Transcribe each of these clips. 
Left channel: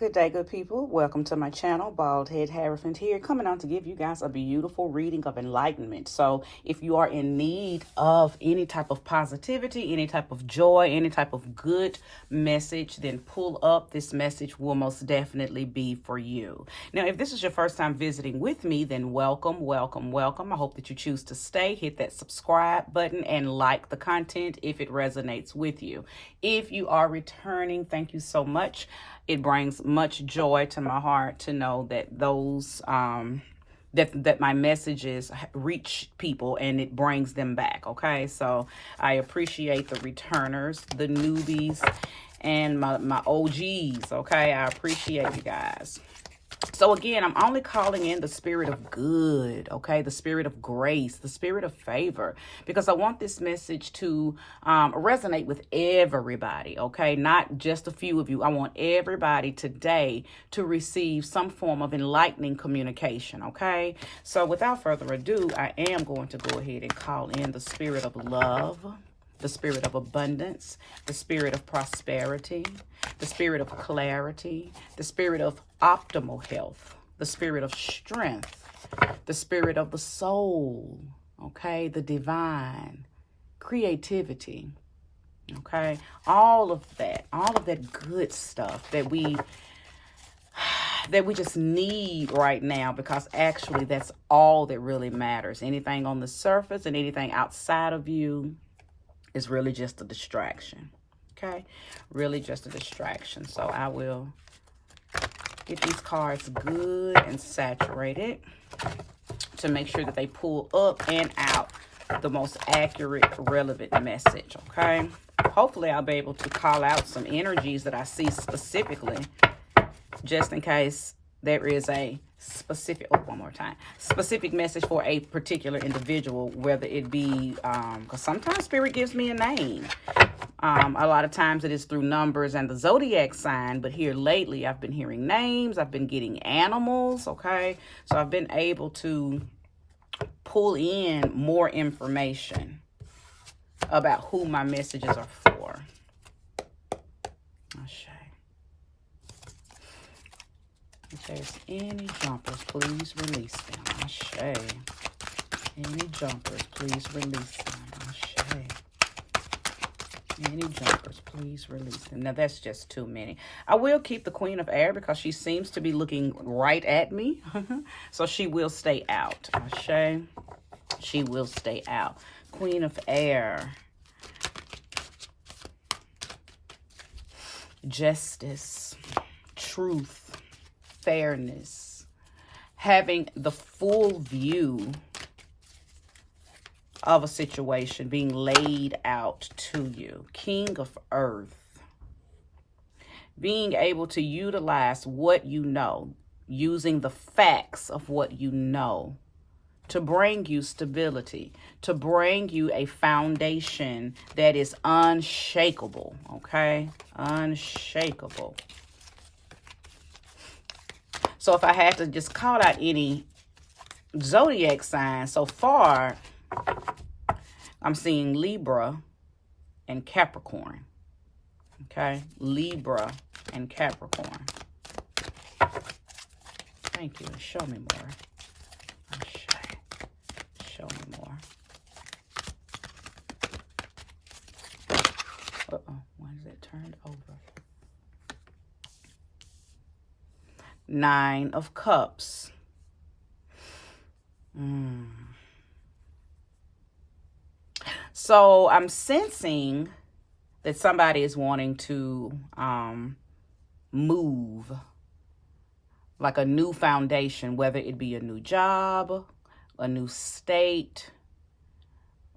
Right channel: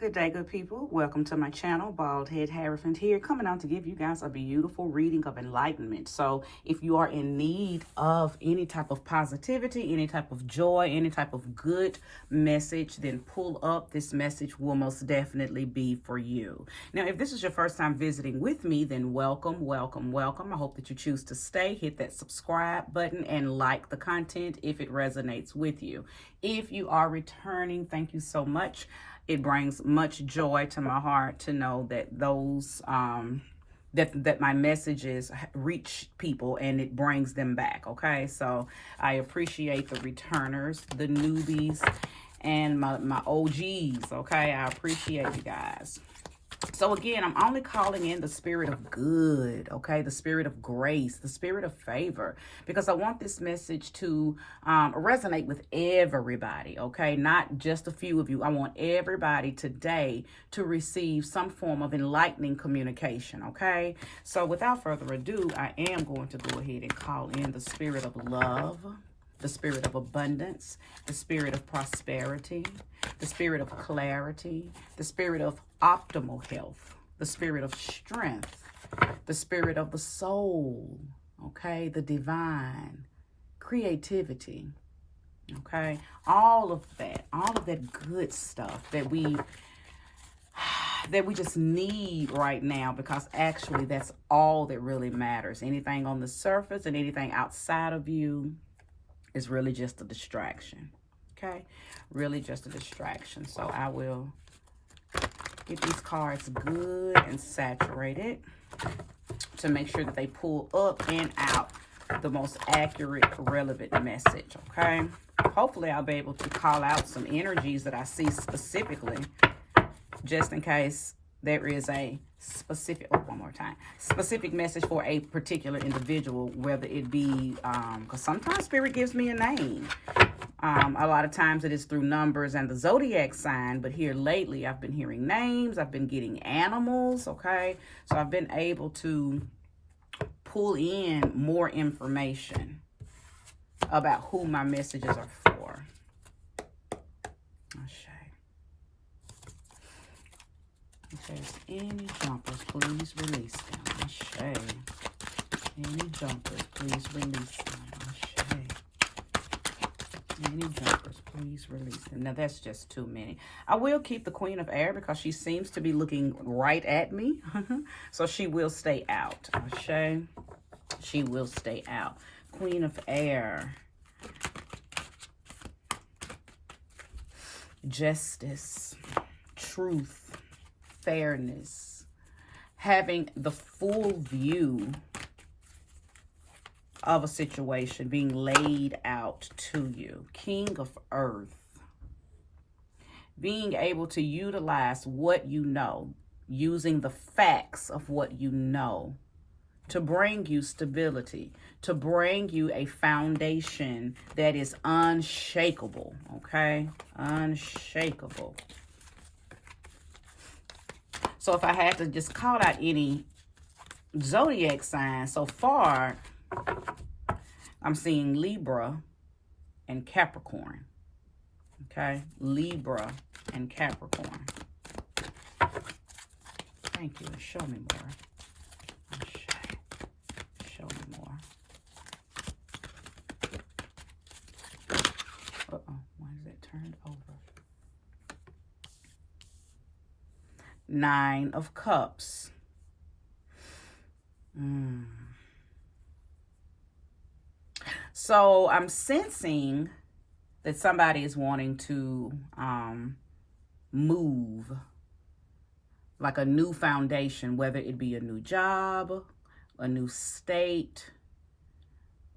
Good day, good people. Welcome to my channel, Bald Head Hierophant here, coming out to give you guys a beautiful reading of enlightenment. So if you are in need of any type of positivity, any type of joy, any type of good message, then pull up. This message will most definitely be for you. Now, if this is your first time visiting with me, then welcome, welcome, welcome. I hope that you choose to stay. Hit that subscribe button and like the content if it resonates with you. If you are returning, thank you so much. It brings much joy to my heart to know that those that my messages reach people and it brings them back. Okay, so I appreciate the returners, the newbies, and my OGs. Okay, I appreciate you guys. So again, I'm only calling in the spirit of good, okay? The spirit of grace, the spirit of favor, because I want this message to resonate with everybody, okay? Not just a few of you. I want everybody today to receive some form of enlightening communication, okay? So without further ado, I am going to go ahead and call in the spirit of love, the spirit of abundance, the spirit of prosperity, the spirit of clarity, the spirit of optimal health, the spirit of strength, the spirit of the soul, okay, the divine, creativity, okay, all of that good stuff that we just need right now, because actually that's all that really matters. Anything on the surface and anything outside of you is really just a distraction, okay? Really just a distraction. So I will get these cards good and saturated to make sure that they pull up and out the most accurate, relevant message, okay? Hopefully I'll be able to call out some energies that I see specifically, just in case there is a specific, specific message for a particular individual, whether it be, because sometimes Spirit gives me a name. A lot of times it is through numbers and the zodiac sign, but here lately I've been hearing names, I've been getting animals, okay? So I've been able to pull in more information about who my messages are for. If there's any jumpers, please release them. Ashe. Any jumpers, please release them. Ashe. Any jumpers, please release them. Now, that's just too many. I will keep the Queen of Air because she seems to be looking right at me. So she will stay out. Ashe. She will stay out. Queen of Air. Justice. Truth. Fairness, having the full view of a situation being laid out to you. King of Earth, being able to utilize what you know, using the facts of what you know to bring you stability, to bring you a foundation that is unshakable, okay? Unshakable. So if I had to just call out any zodiac sign so far, I'm seeing Libra and Capricorn. Okay, Libra and Capricorn. Thank you. Show me more. Show me more. Why is it turned over? Nine of Cups. So I'm sensing that somebody is wanting to move, like a new foundation, whether it be a new job, a new state,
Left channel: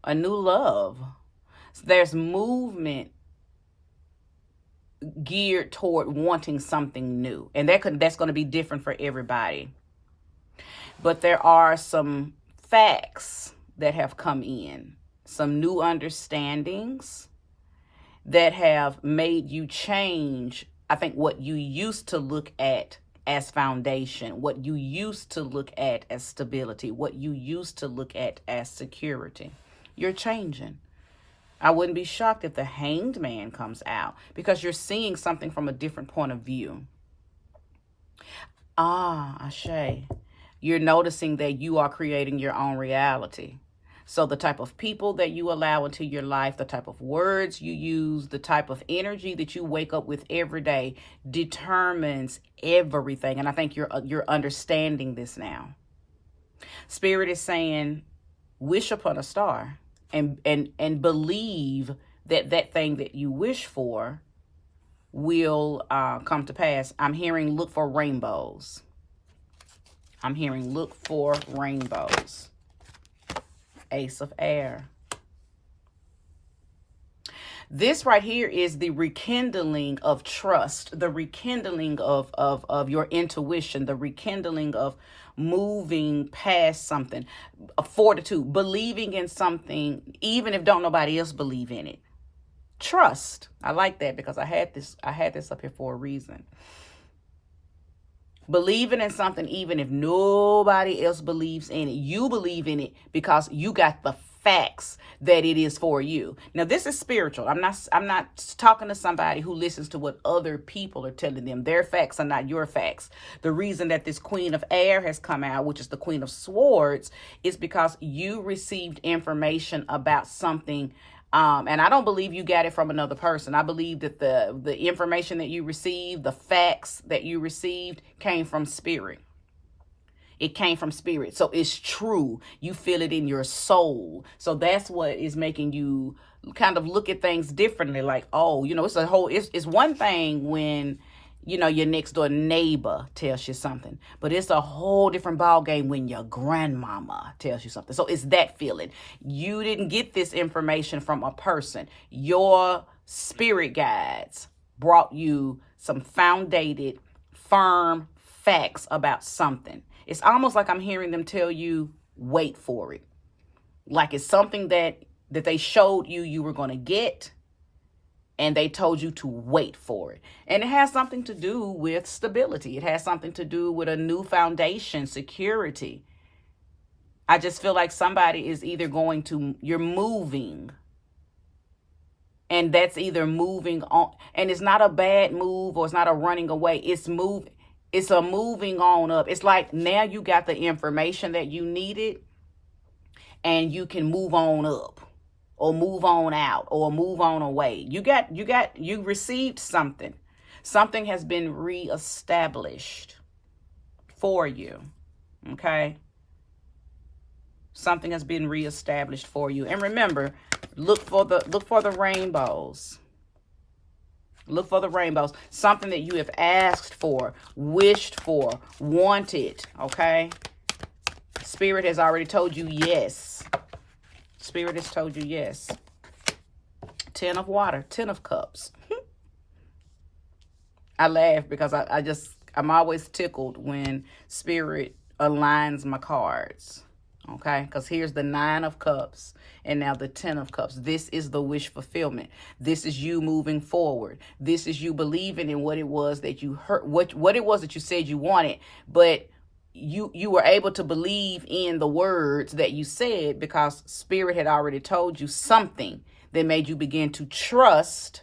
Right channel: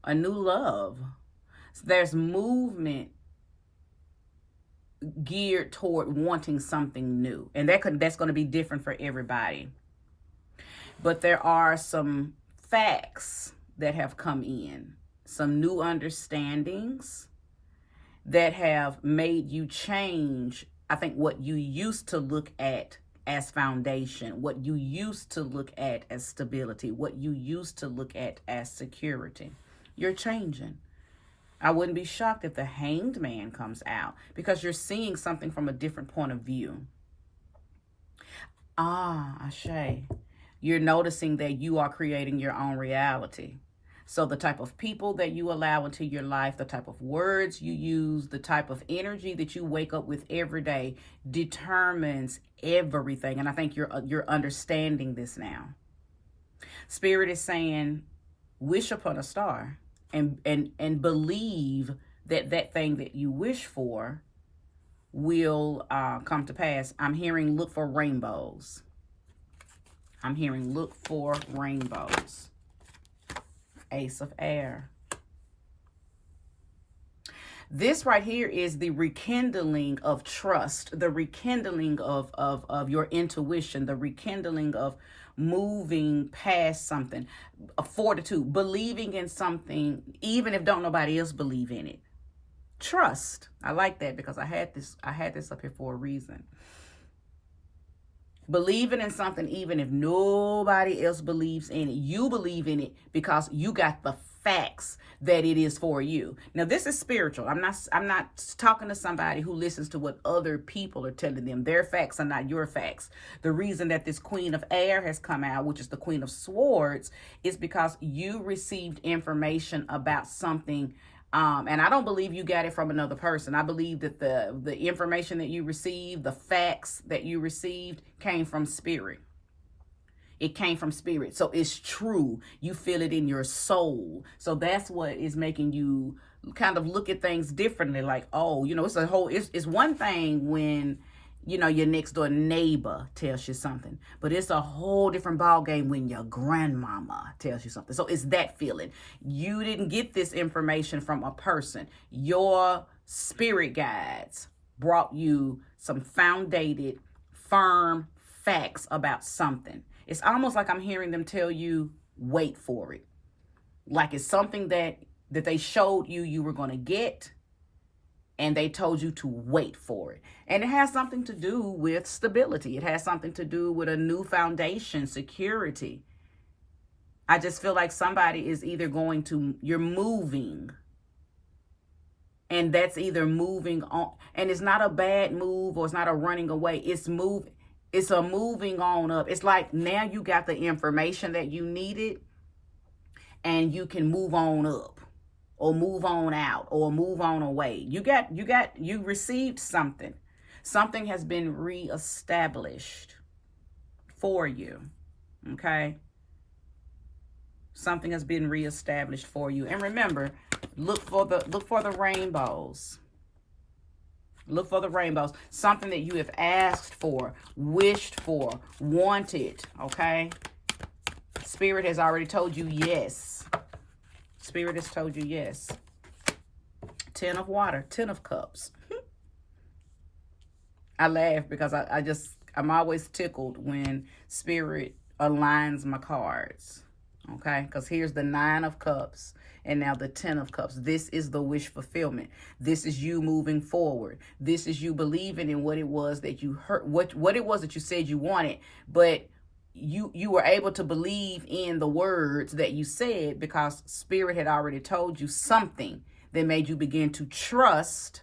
a new love. So there's movement geared toward wanting something new, and that's going to be different for everybody. But there are some facts that have come in, some new understandings that have made you change, I think, what you used to look at as foundation, what you used to look at as stability, what you used to look at as security. You're changing. I wouldn't be shocked if the Hanged Man comes out, because you're seeing something from a different point of view. Ashe. You're noticing that you are creating your own reality. So the type of people that you allow into your life, the type of words you use, the type of energy that you wake up with every day determines everything. And I think you're understanding this now. Spirit is saying, wish upon a star and believe that that thing that you wish for will come to pass. I'm hearing look for rainbows. I'm hearing look for rainbows. Ace of Air. This right here is the rekindling of trust, the rekindling of your intuition, the rekindling of moving past something, fortitude, believing in something, even if don't nobody else believe in it. Trust. I like that because I had this up here for a reason. Believing in something even if nobody else believes in it. You believe in it because you got the facts that it is for you. Now this is spiritual. I'm not talking to somebody who listens to what other people are telling them. Their facts are not your facts. The reason that this Queen of Air has come out, which is the Queen of Swords, is because you received information about something. And I don't believe you got it from another person. I believe that the information that you received, the facts that you received came from spirit. It came from spirit. So it's true. You feel it in your soul. So that's what is making you kind of look at things differently. Like, oh, it's one thing when, your next door neighbor tells you something, but it's a whole different ball game when your grandmama tells you something. So it's that feeling. You didn't get this information from a person. Your spirit guides brought you some founded, firm facts about something. It's almost like I'm hearing them tell you, wait for it. Like it's something that they showed you were going to get, and they told you to wait for it. And it has something to do with stability. It has something to do with a new foundation, security. I just feel like somebody is either you're moving. And that's either moving on. And it's not a bad move or it's not a running away. It's moving. It's a moving on up. It's like now you got the information that you needed and you can move on up. Or move on out, or move on away. You received something. Something has been reestablished for you. Okay? Something has been reestablished for you. And remember, look for the rainbows. Look for the rainbows. Something that you have asked for, wished for, wanted. Okay? Spirit has already told you yes. Spirit has told you yes. 10 of water, 10 of cups. I laugh because I'm always tickled when spirit aligns my cards. Okay? Because here's the 9 of cups and now the 10 of cups. This is the wish fulfillment. This is you moving forward. This is you believing in what it was that you heard, what it was that you said you wanted, but you were able to believe in the words that you said because spirit had already told you something that made you begin to trust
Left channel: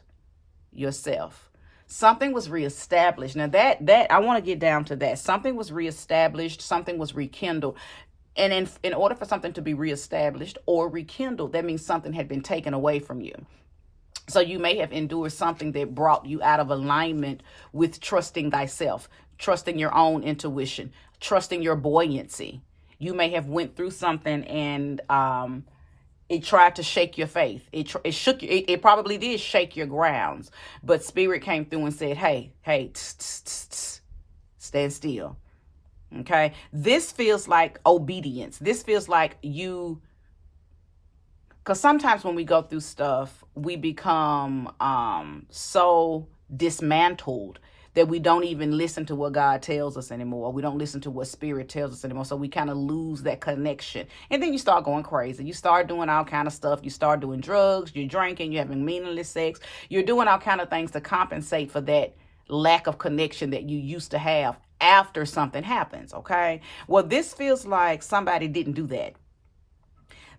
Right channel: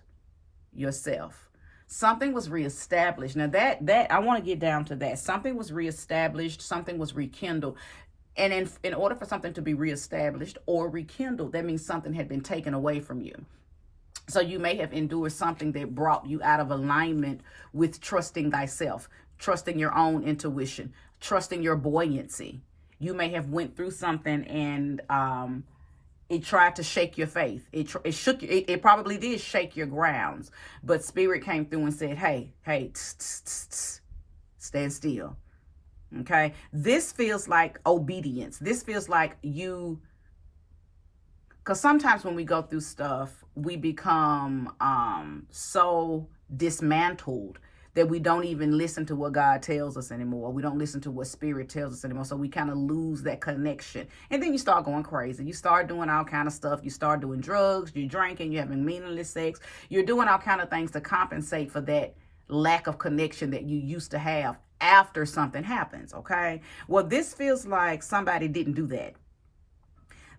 yourself. Something was reestablished. Now that I want to get down to that. Something was reestablished, something was rekindled. And in order for something to be reestablished or rekindled, that means something had been taken away from you. So you may have endured something that brought you out of alignment with trusting thyself, trusting your own intuition, trusting your buoyancy. You may have went through something and it tried to shake your faith. It shook you. It probably did shake your grounds. But spirit came through and said, hey, stand still. Okay? This feels like obedience. This feels like you, because sometimes when we go through stuff, we become so dismantled that we don't even listen to what God tells us anymore. We don't listen to what spirit tells us anymore. So we kind of lose that connection. And then you start going crazy. You start doing all kind of stuff. You start doing drugs, you're drinking, you're having meaningless sex. You're doing all kind of things to compensate for that lack of connection that you used to have after something happens, okay? Well, this feels like somebody didn't do that.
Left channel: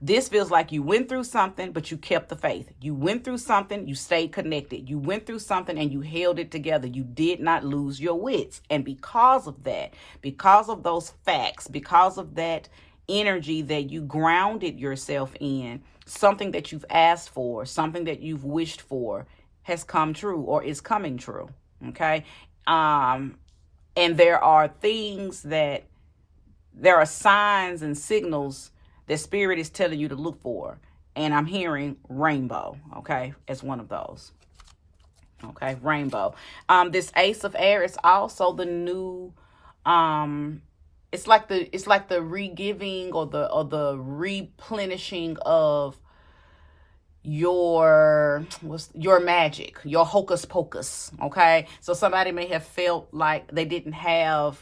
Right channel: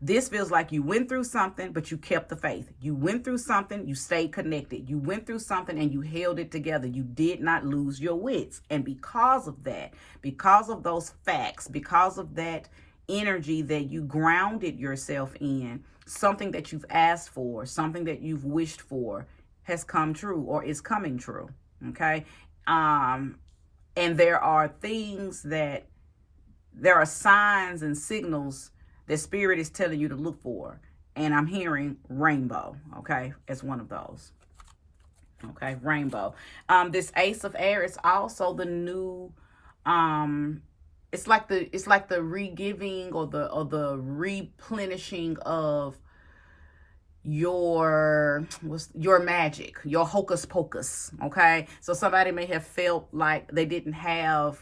This feels like you went through something, but you kept the faith. You went through something, you stayed connected. You went through something and you held it together. You did not lose your wits. And because of that, because of those facts, because of that energy that you grounded yourself in, something that you've asked for, something that you've wished for has come true or is coming true. Okay. And there are signs and signals that spirit is telling you to look for. And I'm hearing rainbow, okay, as one of those. Okay, rainbow. This Ace of Air is also the new, it's like the re-giving or the replenishing of your magic, your hocus pocus. Okay, so somebody may have felt like they didn't have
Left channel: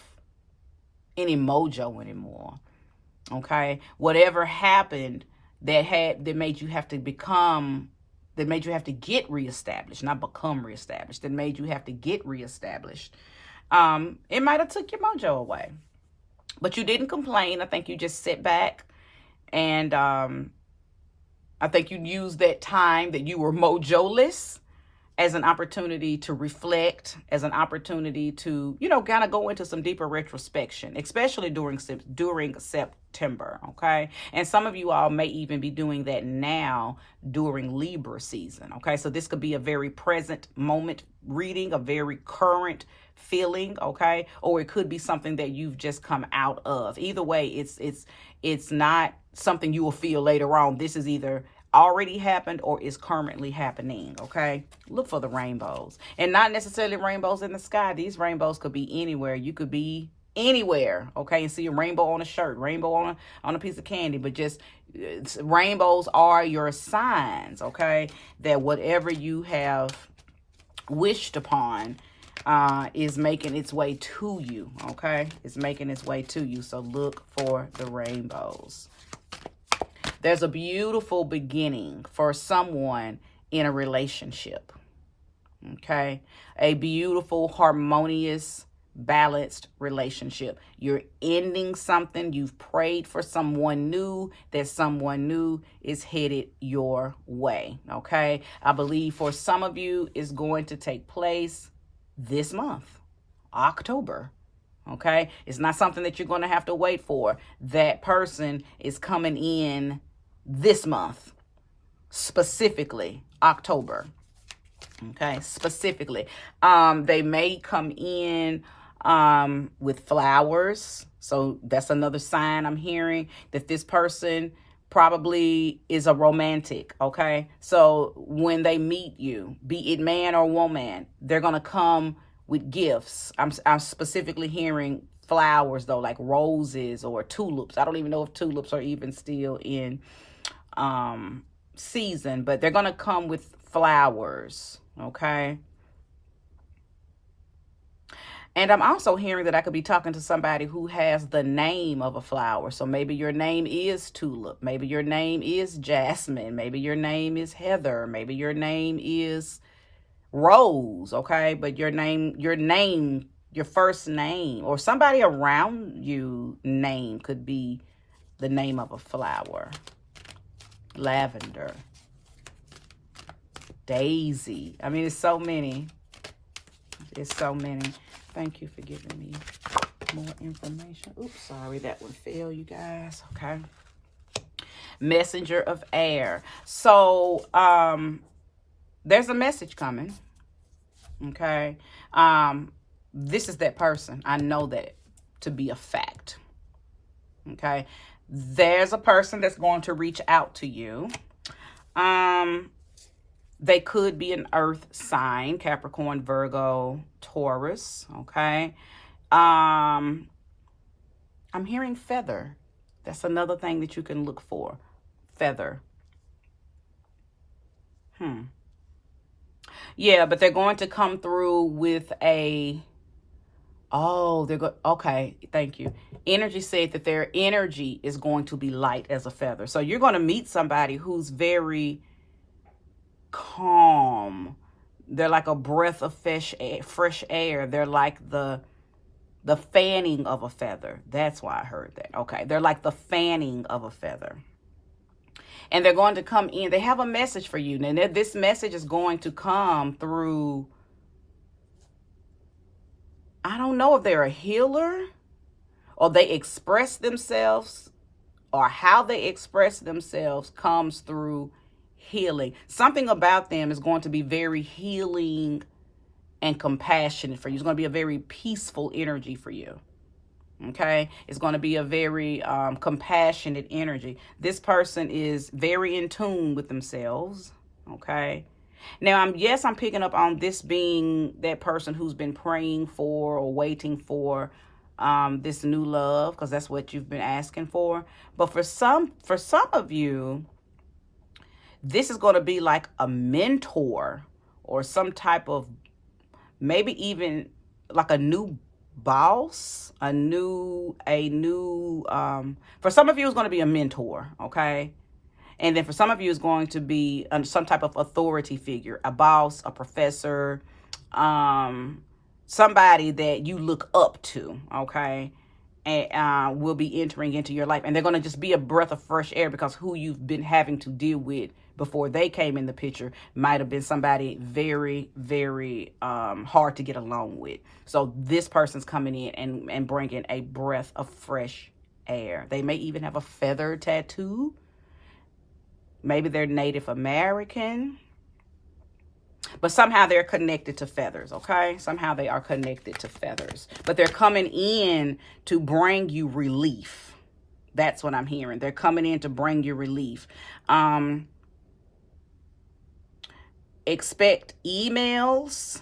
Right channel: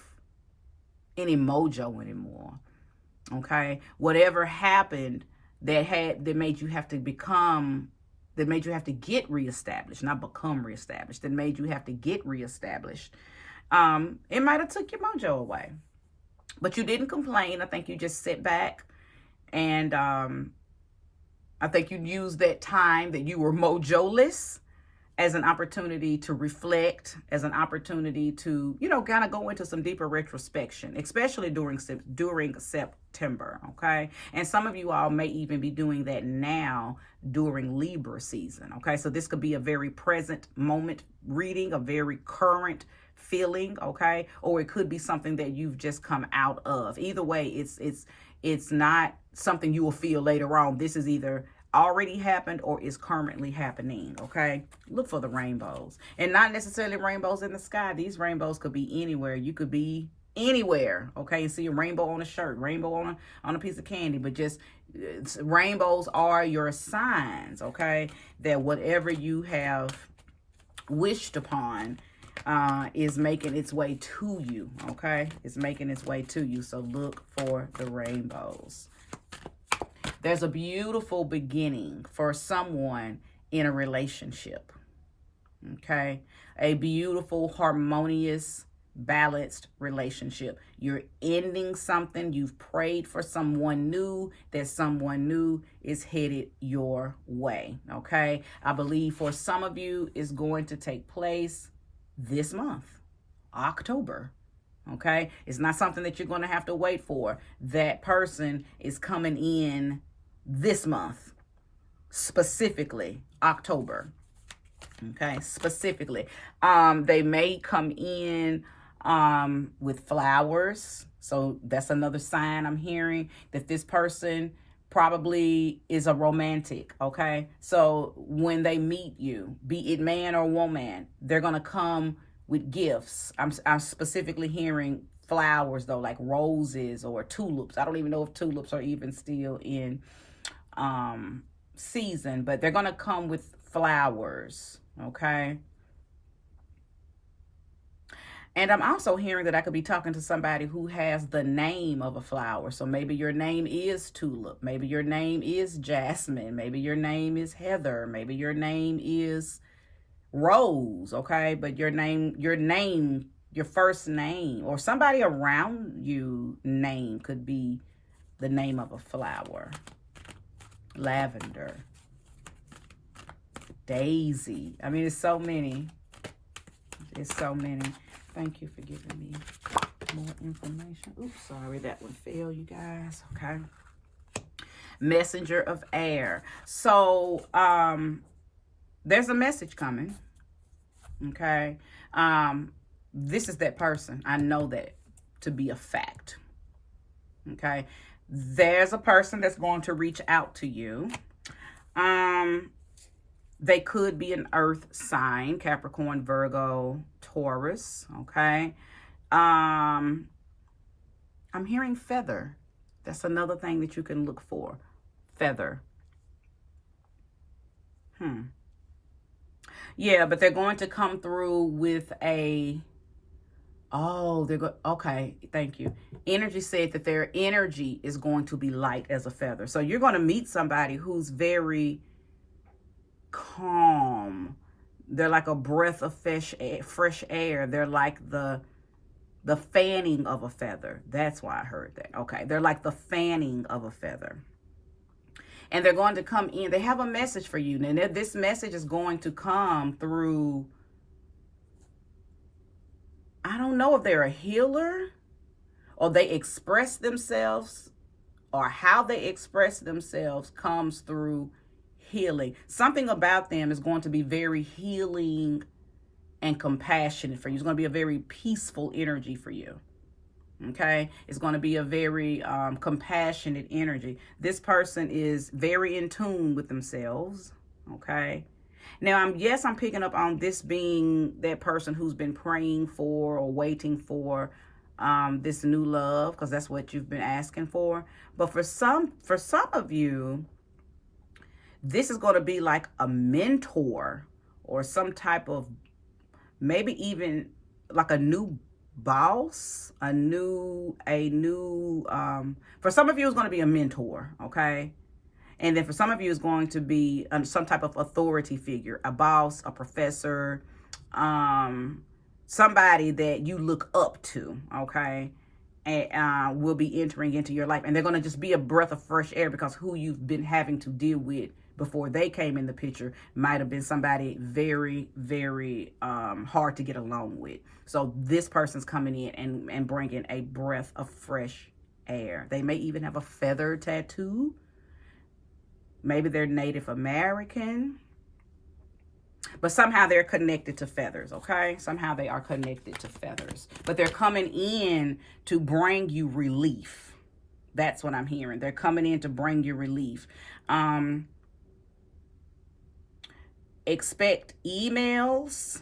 any mojo anymore. Okay, whatever happened that made you have to get reestablished, not become reestablished, that made you have to get reestablished. It might have took your mojo away, but you didn't complain. I think you just sit back and I think you used that time that you were mojoless as an opportunity to reflect, as an opportunity to, kind of go into some deeper retrospection, especially during September, okay? And some of you all may even be doing that now during Libra season, okay? So this could be a very present moment reading, a very current feeling, okay? Or it could be something that you've just come out of. Either way, it's not something you will feel later on. This is either already happened or is currently happening, okay? Look for the rainbows. And not necessarily rainbows in the sky. These rainbows could be anywhere. You could be anywhere, okay, and see a rainbow on a shirt, rainbow on a piece of candy. But just rainbows are your signs, okay, that whatever you have wished upon is making its way to you, okay? It's making its way to you. So look for the rainbows. There's a beautiful beginning for someone in a relationship, okay? A beautiful, harmonious, balanced relationship. You're ending something. You've prayed for someone new. That someone new is headed your way, okay? I believe for some of you, it's going to take place this month, October. Okay, it's not something that you're going to have to wait for. That person is coming in this month, specifically October. Okay, specifically. They may come in with flowers. So that's another sign I'm hearing that this person probably is a romantic. Okay, so when they meet you, be it man or woman, they're going to come with gifts. I'm specifically hearing flowers though, like roses or tulips. I don't even know if tulips are even still in season, but they're gonna come with flowers, okay? And I'm also hearing that I could be talking to somebody who has the name of a flower. So maybe your name is tulip, maybe your name is jasmine, maybe your name is heather, maybe your name is rose, okay? But your first name, or somebody around you name could be the name of a flower. Lavender, daisy. I mean, it's so many. It's so many. Thank you for giving me more information. Oops, sorry, that one fell, you guys. Okay. Messenger of air. So, there's a message coming. Okay. This is that person. I know that to be a fact. Okay. There's a person that's going to reach out to you. They could be an earth sign, Capricorn, Virgo, Taurus. Okay. I'm hearing feather. That's another thing that you can look for. Feather. Yeah, but they're going to come through with a, okay, thank you. Energy said that their energy is going to be light as a feather. So you're going to meet somebody who's very calm. They're like a breath of fresh air. They're like the fanning of a feather. That's why I heard that. Okay, they're like the fanning of a feather. And they're going to come in. They have a message for you. And this message is going to come through, I don't know if they're a healer or they express themselves, or how they express themselves comes through healing. Something about them is going to be very healing and compassionate for you. It's going to be a very peaceful energy for you. Okay, it's going to be a very compassionate energy. This person is very in tune with themselves. Okay, now I'm picking up on this being that person who's been praying for or waiting for this new love, because that's what you've been asking for. But for some of you, this is going to be like a mentor or some type of, maybe even like a new boss, for some of you it's going to be a mentor, okay? And then for some of you it's going to be some type of authority figure, a boss, a professor, somebody that you look up to, okay? And will be entering into your life, and they're going to just be a breath of fresh air, because who you've been having to deal with before they came in the picture might have been somebody very, very hard to get along with. So this person's coming in and bringing a breath of fresh air. They may even have a feather tattoo. Maybe they're Native American. But somehow they're connected to feathers, okay? Somehow they are connected to feathers. But they're coming in to bring you relief. That's what I'm hearing. They're coming in to bring you relief. Expect emails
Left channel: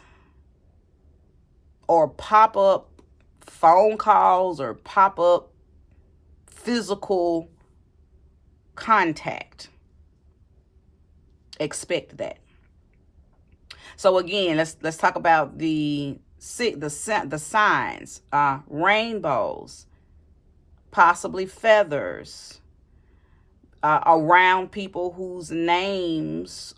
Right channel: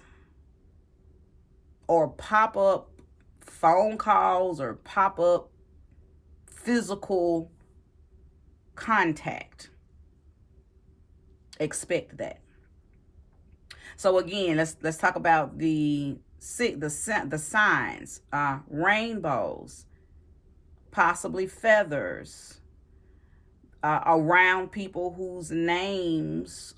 or pop-up phone calls or pop-up physical contact. Expect that. So again, let's talk about the signs. Rainbows, possibly feathers, around people whose names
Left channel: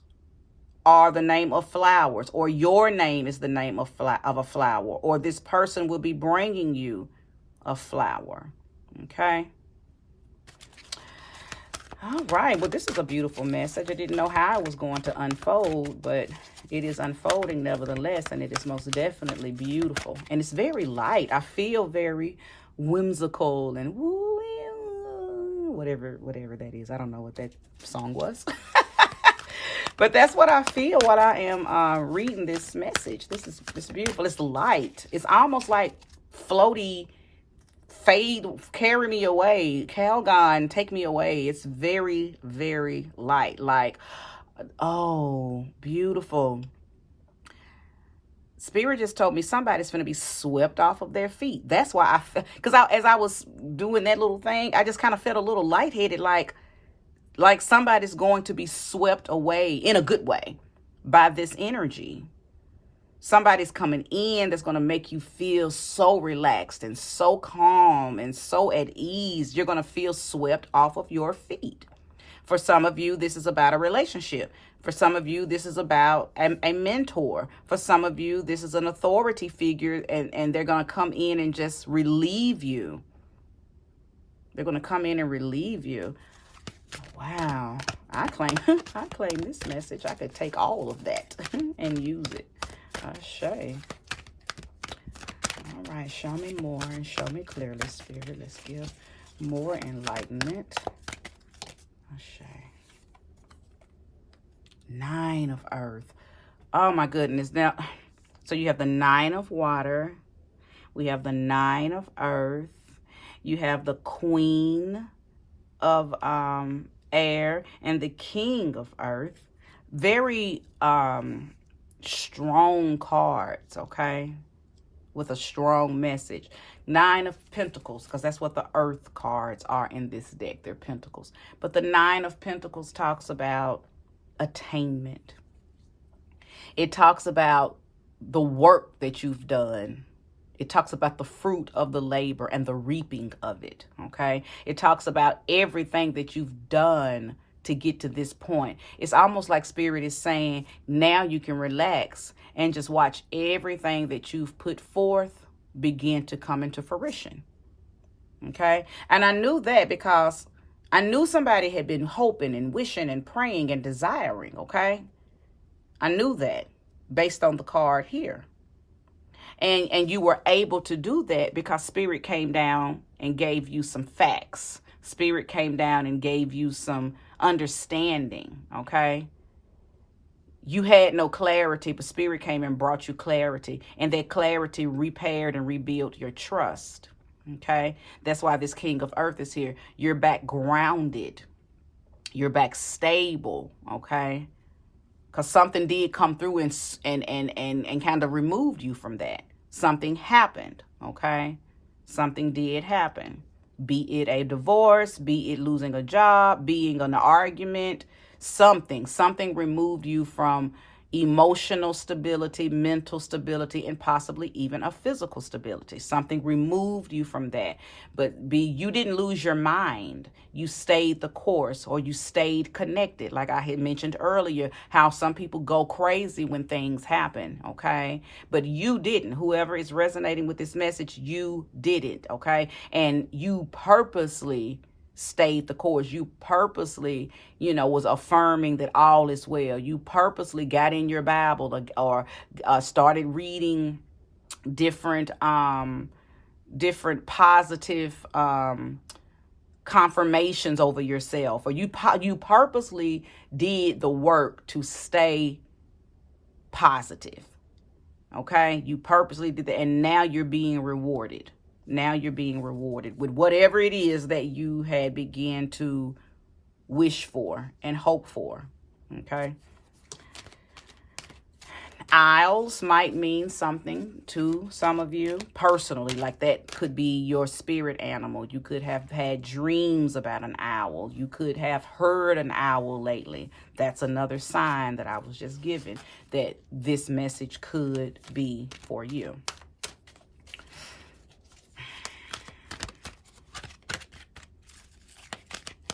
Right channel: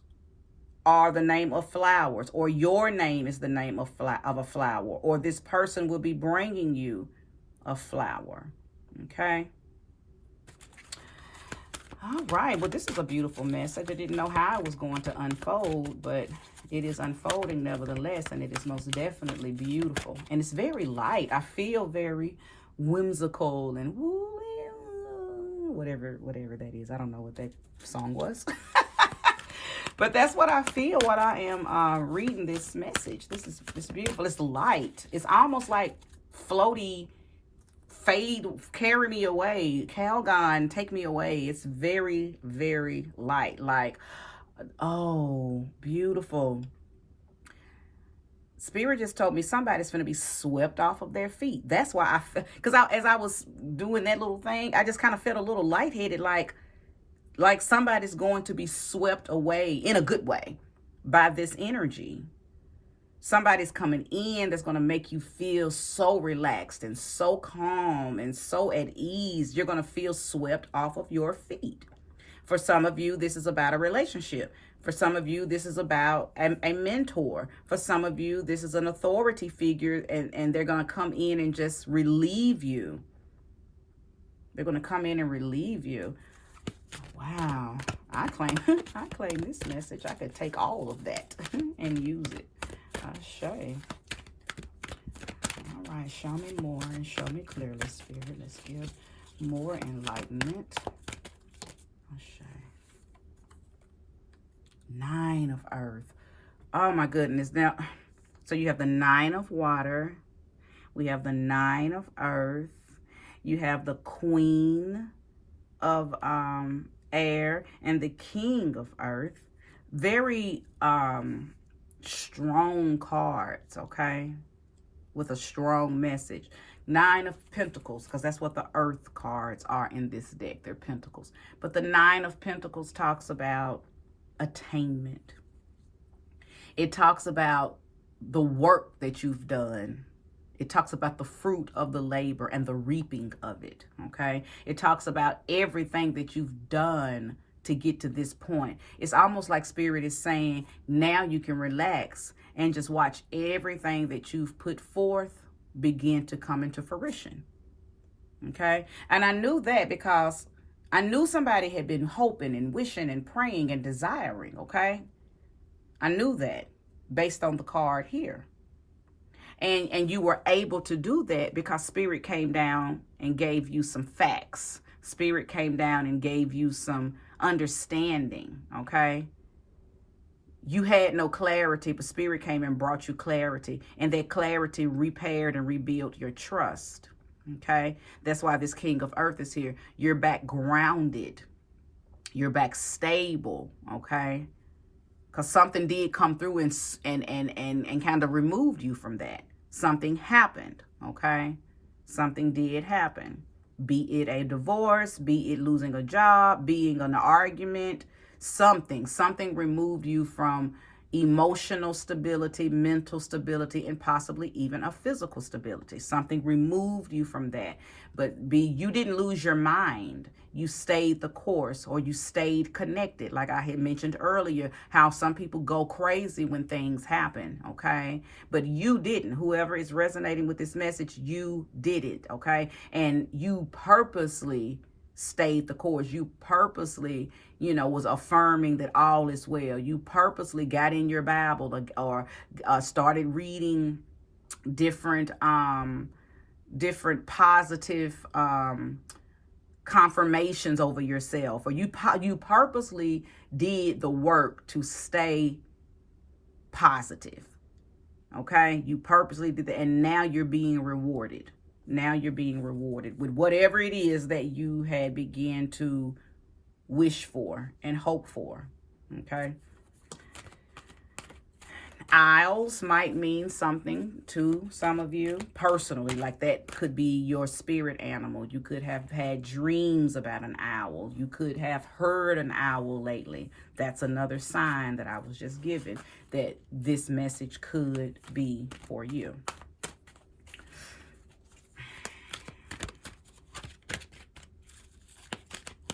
are the name of flowers, or your name is the name of a flower, or this person will be bringing you a flower. Okay. All right. Well, this is a beautiful message. I didn't know how it was going to unfold, but it is unfolding nevertheless, and it is most definitely beautiful. And it's very light. I feel very whimsical and whatever that is. I don't know what that song was. But that's what I feel while I am reading this message. It's beautiful. It's light. It's almost like floaty, fade, carry me away. Calgon, take me away. It's very, very light. Like, oh, beautiful. Spirit just told me somebody's going to be swept off of their feet. That's why because as I was doing that little thing, I just kind of felt a little lightheaded, like somebody's going to be swept away in a good way by this energy. Somebody's coming in that's going to make you feel so relaxed and so calm and so at ease. You're going to feel swept off of your feet. For some of you, this is about a relationship. For some of you, this is about a mentor. For some of you, this is an authority figure, and they're going to come in and just relieve you. They're going to come in and relieve you. Wow. I claim this message. I could take all of that and use it. Ashe. All right. Show me more and show me clearly, Spirit. Let's give more enlightenment. Ashe. 9 of earth. Oh my goodness. Now, so you have the 9 of water. We have the 9 of earth. You have the Queen of air and the King of earth. Very strong cards, okay? With a strong message. 9 of Pentacles, because that's what the earth cards are in this deck. They're pentacles. But the 9 of Pentacles talks about attainment. It talks about the work that you've done. It talks about the fruit of the labor and the reaping of it, okay? It talks about everything that you've done to get to this point. It's almost like Spirit is saying, now you can relax and just watch everything that you've put forth begin to come into fruition, okay? And I knew that because I knew somebody had been hoping and wishing and praying and desiring, okay? I knew that based on the card here. And you were able to do that because Spirit came down and gave you some facts. Spirit came down and gave you some understanding, okay? You had no clarity, but Spirit came and brought you clarity. And that clarity repaired and rebuilt your trust, okay? That's why this King of Earth is here. You're back grounded. You're back stable, okay? Because something did come through and kind of removed you from that. Something happened, okay? Something did happen. Be it a divorce, be it losing a job, being an argument, something removed you from emotional stability, mental stability, and possibly even a physical stability. Something removed you from that. But you didn't lose your mind. You stayed the course, or you stayed connected. Like I had mentioned earlier, how some people go crazy when things happen, okay? But you didn't. Whoever is resonating with this message, you didn't, okay? And you purposely stayed the course. You purposely, was affirming that all is well. You purposely got in your Bible or started reading different positive confirmations over yourself, or you purposely did the work to stay positive. Okay, you purposely did that, and now you're being rewarded. Now you're being rewarded with whatever it is that you had began to wish for and hope for. Okay. Isles might mean something to some of you personally, like that could be your spirit animal. You could have had dreams about an owl. You could have heard an owl lately. That's another sign that I was just given that this message could be for you.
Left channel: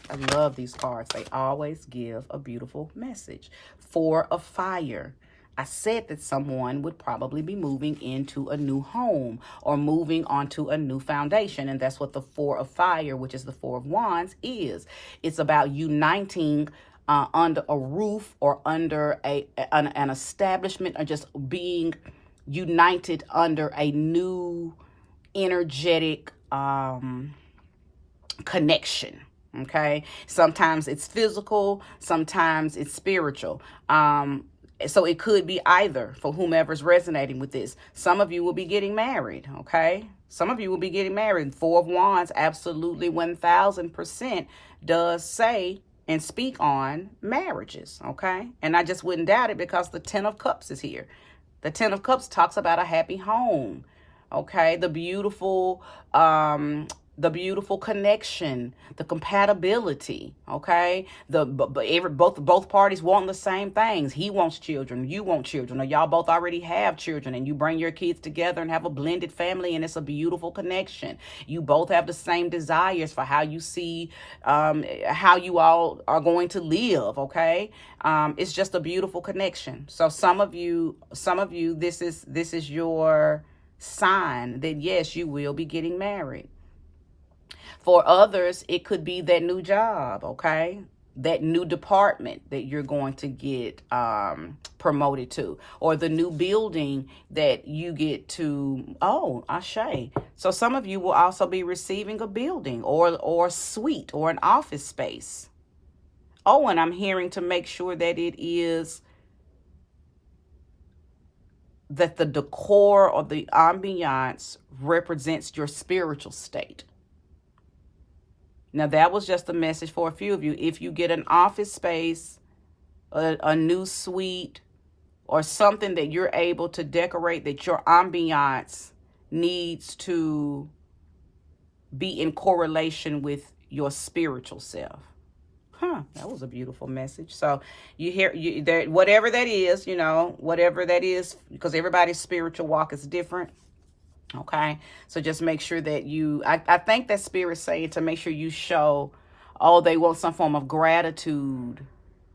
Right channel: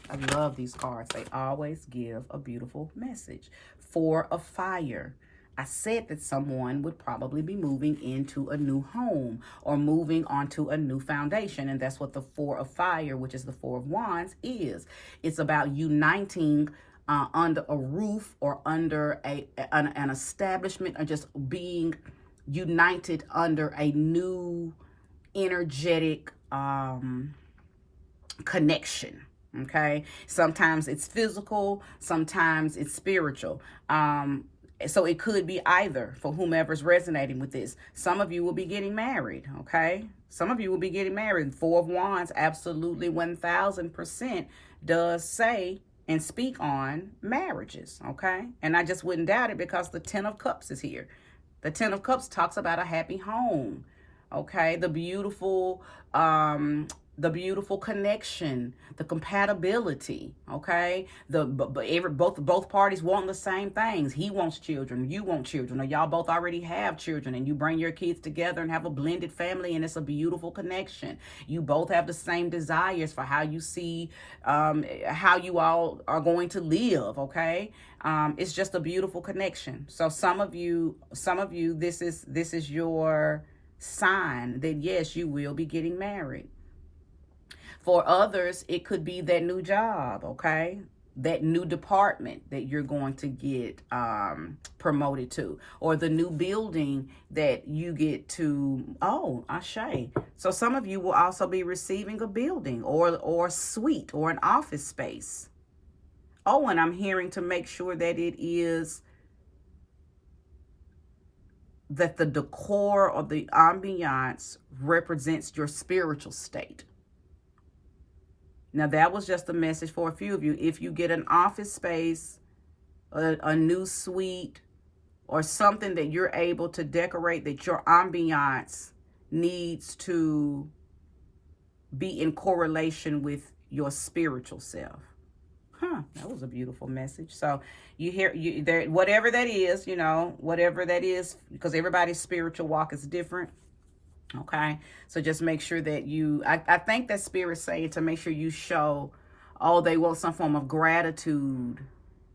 I love these cards. They always give a beautiful message. Four of Fire. I said that someone would probably be moving into a new home or moving onto a new foundation. And that's what the Four of Fire, which is the Four of Wands, is. It's about uniting under a roof or under an establishment, or just being united under a new energetic connection. Okay. Sometimes it's physical, sometimes it's spiritual. So it could be either for whomever's resonating with this. Some of you will be getting married. Okay. Some of you will be getting married. Four of Wands absolutely 1000% does say and speak on marriages. Okay. And I just wouldn't doubt it because the Ten of Cups is here. The Ten of Cups talks about a happy home. Okay. The beautiful connection, the compatibility, okay? Both parties want the same things. He wants children, you want children, or y'all both already have children, and you bring your kids together and have a blended family, and it's a beautiful connection. You both have the same desires for how you see how you all are going to live, okay? It's just a beautiful connection. So some of you, this is your sign that yes, you will be getting married. For others, it could be that new job, okay? That new department that you're going to get promoted to, or the new building that you get to, Ashe. So some of you will also be receiving a building or suite or an office space. Oh, and I'm hearing to make sure that it is that the decor or the ambiance represents your spiritual state. Now, that was just a message for a few of you. If you get an office space, a new suite, or something that you're able to decorate, that your ambiance needs to be in correlation with your spiritual self. That was a beautiful message. So you hear whatever that is, whatever that is, because everybody's spiritual walk is different. Okay, so just make sure that I think that Spirit's saying to make sure you show, they want some form of gratitude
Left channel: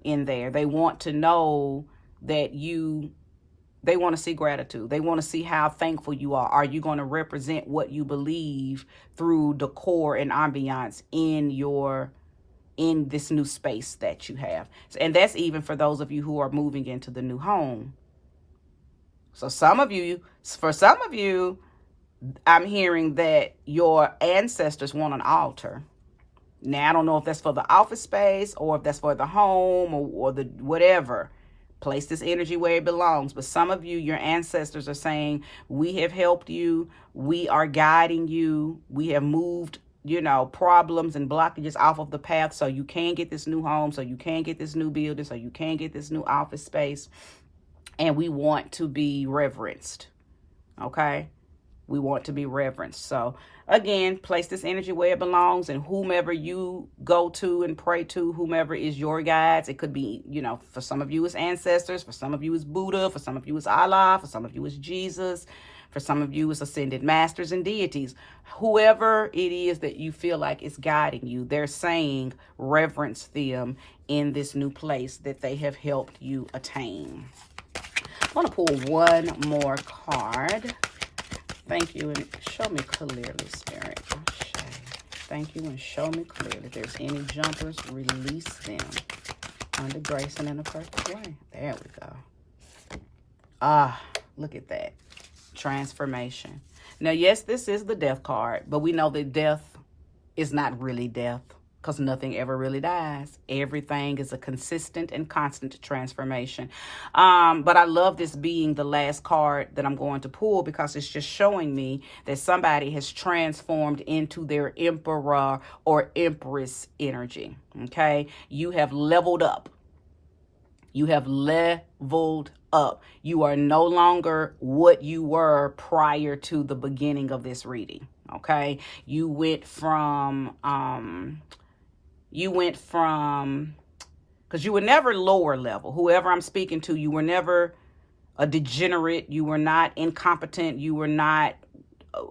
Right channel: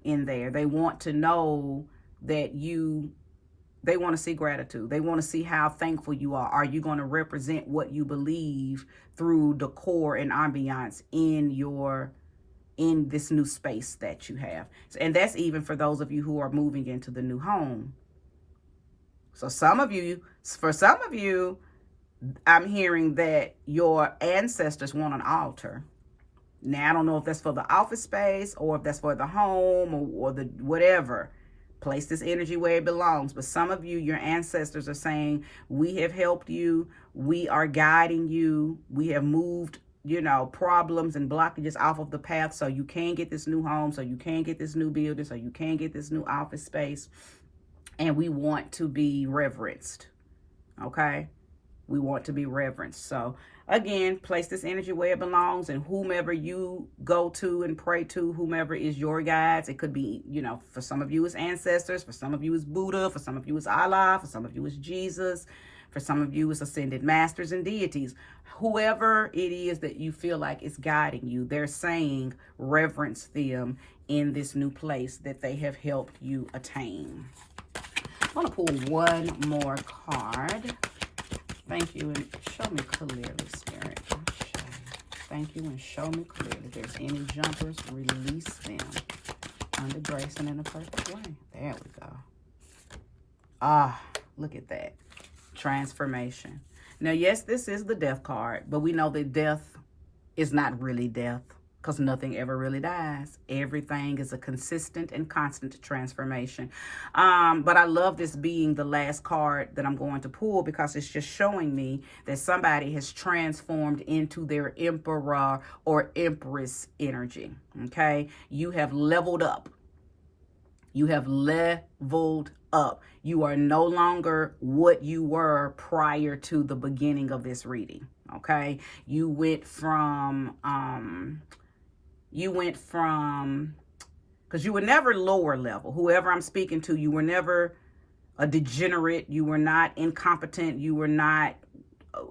in there. They want to know that they want to see gratitude. They want to see how thankful you are. Are you going to represent what you believe through decor and ambiance in your in this new space that you have. And that's even for those of you who are moving into the new home. So for some of you, I'm hearing that your ancestors want an altar. Now, I don't know if that's for the office space or if that's for the home or the whatever. Place this energy where it belongs. But some of you, your ancestors are saying, we have helped you. We are guiding you. We have moved, problems and blockages off of the path so you can get this new home, so you can get this new building, so you can get this new office space. And we want to be reverenced. Okay? We want to be reverenced. So again, place this energy where it belongs, and whomever you go to and pray to, whomever is your guides. It could be, for some of you it's ancestors, for some of you it's Buddha, for some of you it's Allah, for some of you it's Jesus, for some of you it's ascended masters and deities. Whoever it is that you feel like is guiding you, they're saying reverence them in this new place that they have helped you attain. I'm going to pull one more card. Thank you, and show me clearly, Spirit. Thank you, and show me clearly. If there's any jumpers, release them under grace and in a perfect way. There we go. Look at that. Transformation. Now, yes, this is the death card, but we know that death is not really death, because nothing ever really dies. Everything is a consistent and constant transformation. But I love this being the last card that I'm going to pull, because it's just showing me that somebody has transformed into their emperor or empress energy. Okay? You have leveled up. You have leveled up. You are no longer what you were prior to the beginning of this reading. Okay? You went from, because you were never lower level. Whoever I'm speaking to, you were never a degenerate. You were not incompetent. You were not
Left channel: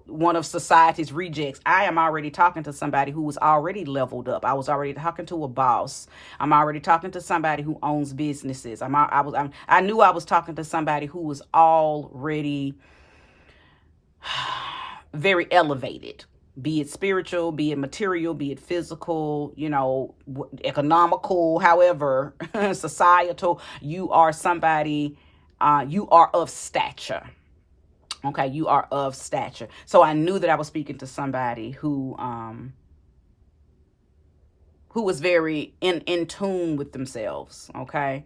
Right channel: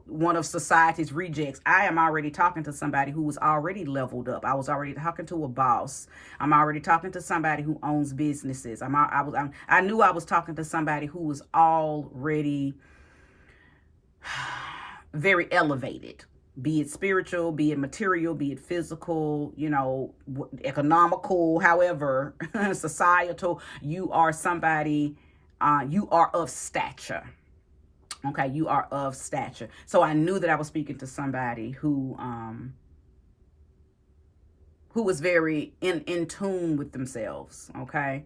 one of society's rejects. I am already talking to somebody who was already leveled up. I was already talking to a boss. I'm already talking to somebody who owns businesses. I knew I was talking to somebody who was already very elevated. Be it spiritual, be it material, be it physical, economical, however, societal. You are somebody, you are of stature. Okay, you are of stature. So I knew that I was speaking to somebody who was very in tune with themselves. Okay,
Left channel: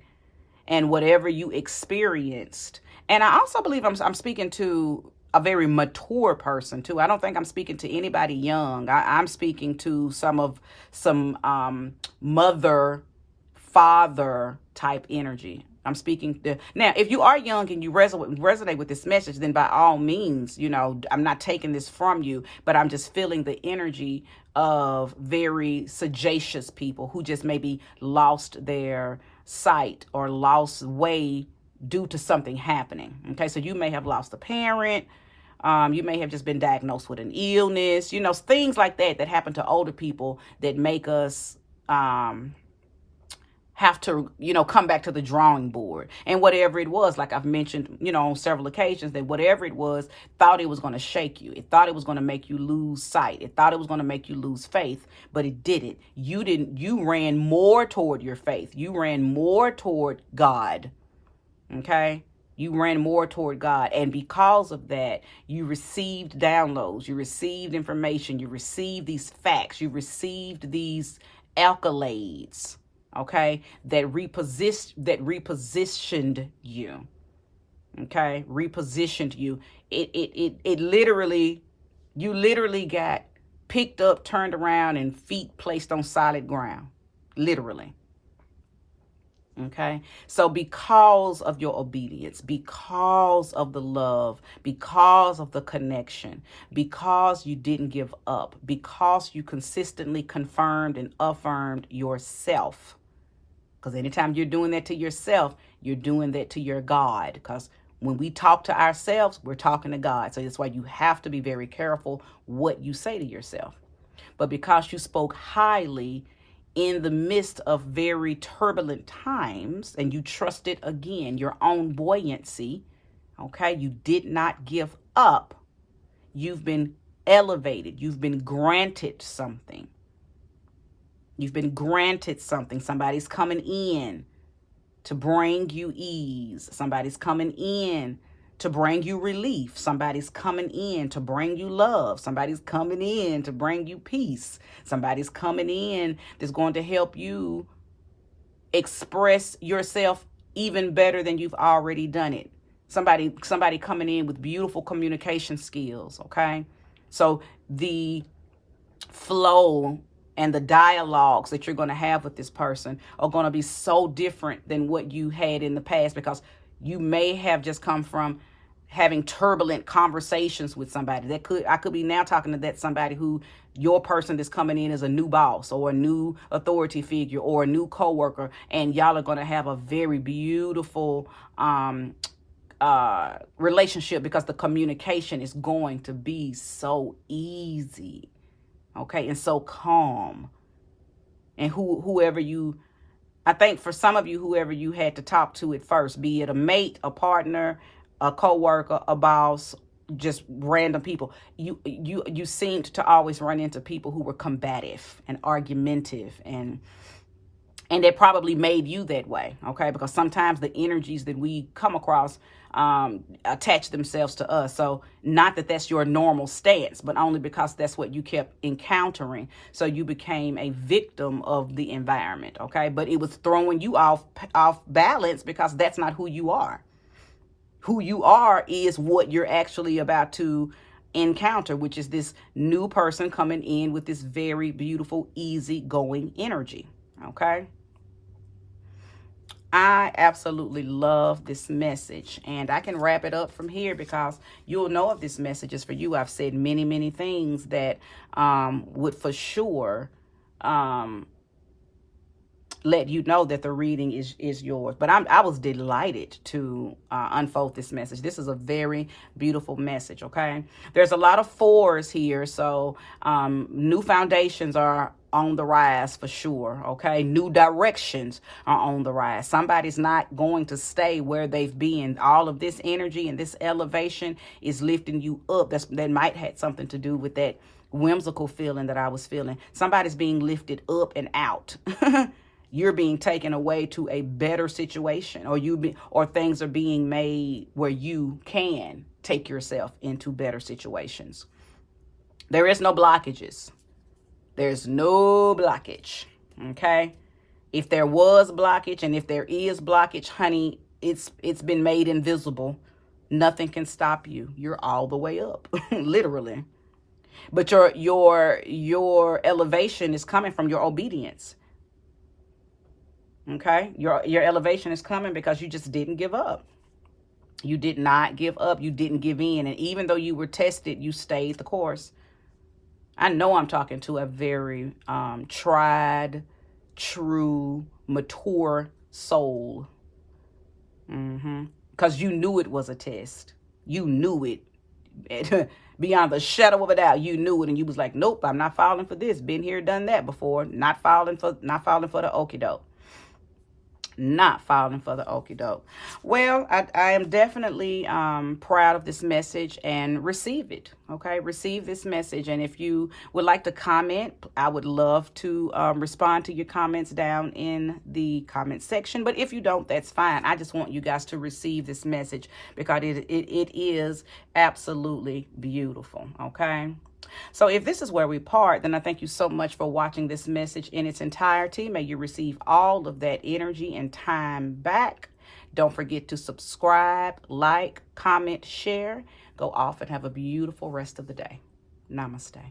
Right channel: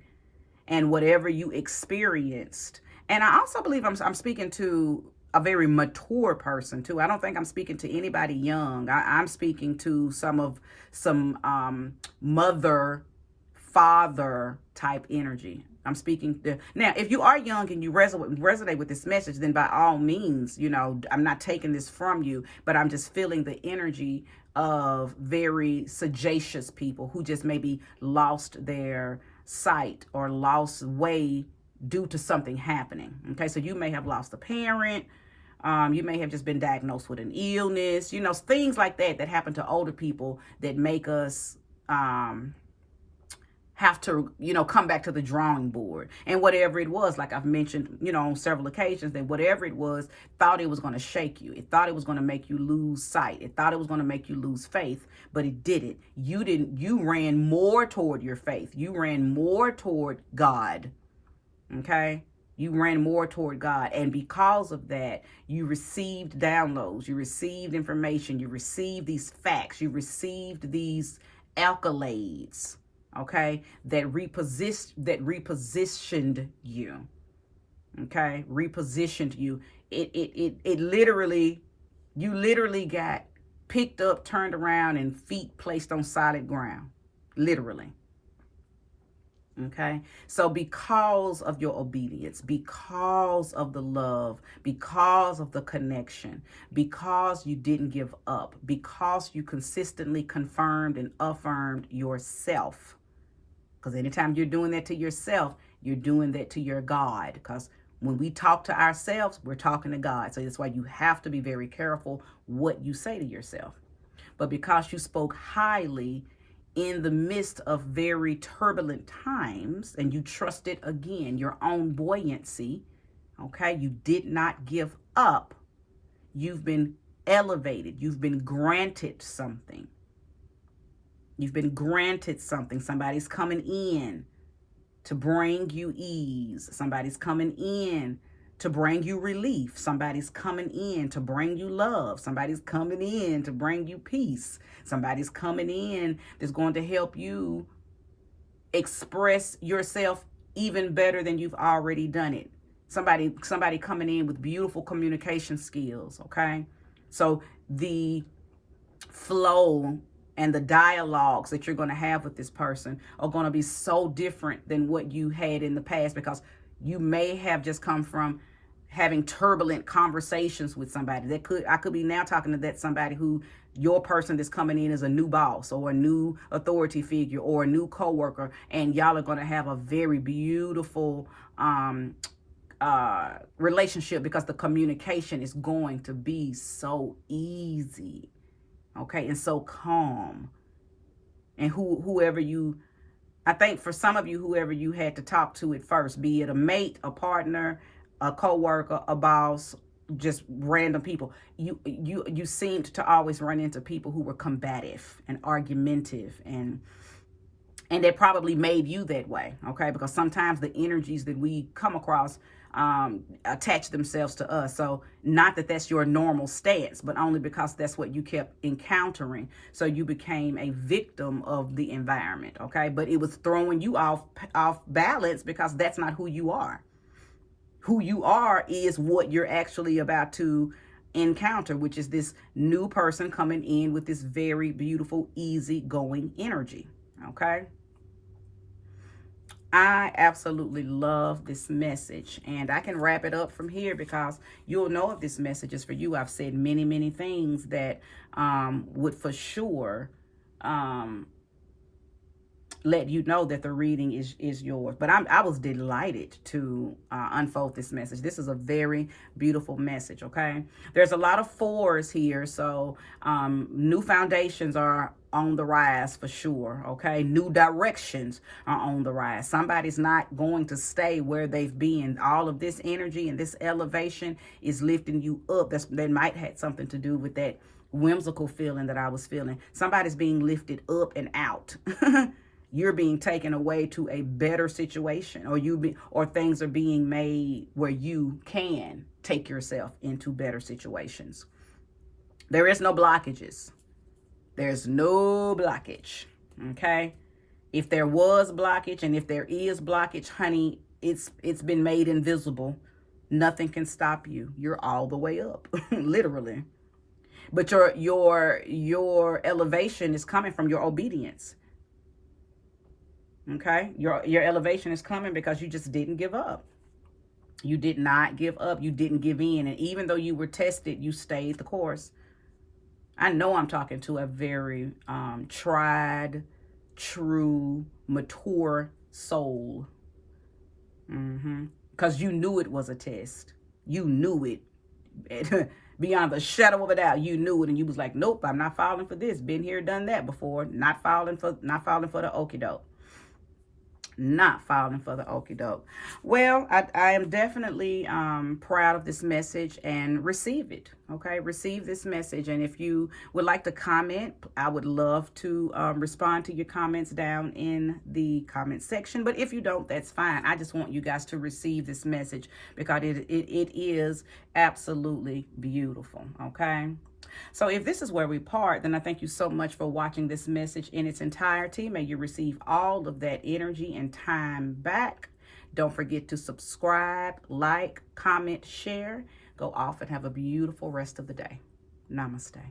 and whatever you experienced, and I also believe I'm speaking to a very mature person too. I don't think I'm speaking to anybody young. I'm speaking to some mother, father type energy. I'm speaking to, now, if you are young and you resonate with this message, then by all means, I'm not taking this from you, but I'm just feeling the energy of very sagacious people who just maybe lost their sight or lost way due to something happening. Okay, so you may have lost a parent. You may have just been diagnosed with an illness, things like that happen to older people that make us have to, come back to the drawing board. And whatever it was, like I've mentioned, on several occasions, that whatever it was, thought it was going to shake you. It thought it was going to make you lose sight. It thought it was going to make you lose faith, but it didn't. You ran more toward your faith. You ran more toward God. Okay? You ran more toward God. And because of that, you received downloads. You received information. You received these facts. You received these accolades. Okay, that repositioned you. Okay, repositioned you. It literally, you literally got picked up, turned around, and feet placed on solid ground. Literally. Okay, so because of your obedience, because of the love, because of the connection, because you didn't give up, because you consistently confirmed and affirmed yourself. Because anytime you're doing that to yourself, you're doing that to your God. Because when we talk to ourselves, we're talking to God. So that's why you have to be very careful what you say to yourself. But because you spoke highly in the midst of very turbulent times, and you trusted, again, your own buoyancy, okay, you did not give up. You've been elevated. You've been granted something. You've been granted something. Somebody's coming in to bring you ease. Somebody's coming in to bring you relief. Somebody's coming in to bring you love. Somebody's coming in to bring you peace. Somebody's coming in that's going to help you express yourself even better than you've already done it. Somebody coming in with beautiful communication skills, okay? So the flow and the dialogues that you're going to have with this person are going to be so different than what you had in the past, because you may have just come from having turbulent conversations with somebody. I could be now talking to that somebody who your person that's coming in is a new boss or a new authority figure or a new coworker, and y'all are going to have a very beautiful relationship because the communication is going to be so easy, okay, and so calm. And I think for some of you, whoever you had to talk to at first, be it a mate, a partner, a coworker, a boss, just random people, you seemed to always run into people who were combative and argumentative, and that probably made you that way, okay? Because sometimes the energies that we come across attach themselves to us. So not that that's your normal stance, but only because that's what you kept encountering. So you became a victim of the environment, okay? But it was throwing you off balance because that's not who you are. Who you are is what you're actually about to encounter, which is this new person coming in with this very beautiful, easygoing energy, okay? I absolutely love this message, and I can wrap it up from here because you'll know if this message is for you. I've said many, many things that would for sure let you know that the reading is yours. But I was delighted to unfold this message. This is a very beautiful message, okay? There's a lot of fours here, so new foundations are on the rise for sure, okay? New directions are on the rise. Somebody's not going to stay where they've been. All of this energy and this elevation is lifting you up. That might have something to do with that whimsical feeling that I was feeling. Somebody's being lifted up and out. You're being taken away to a better situation, or things are being made where you can take yourself into better situations. There is no blockages. There's no blockage, okay? If there was blockage, and if there is blockage, honey, it's been made invisible. Nothing can stop you. You're all the way up, literally. But your elevation is coming from your obedience. Okay? Your elevation is coming because you just didn't give up. You did not give up. You didn't give in. And even though you were tested, you stayed the course. I know I'm talking to a very tried, true, mature soul. Because you knew it was a test. You knew it. Beyond the shadow of a doubt, you knew it. And you was like, nope, I'm not falling for this. Been here, done that before. Not falling for the okie doke. Not falling for the okie doke. Well, I am definitely proud of this message, and receive it. Okay, receive this message. And if you would like to comment, I would love to respond to your comments down in the comment section. But if you don't, that's fine. I just want you guys to receive this message because it is absolutely beautiful. Okay. So if this is where we part, then I thank you so much for watching this message in its entirety. May you receive all of that energy and time back. Don't forget to subscribe, like, comment, share. Go off and have a beautiful rest of the day. Namaste.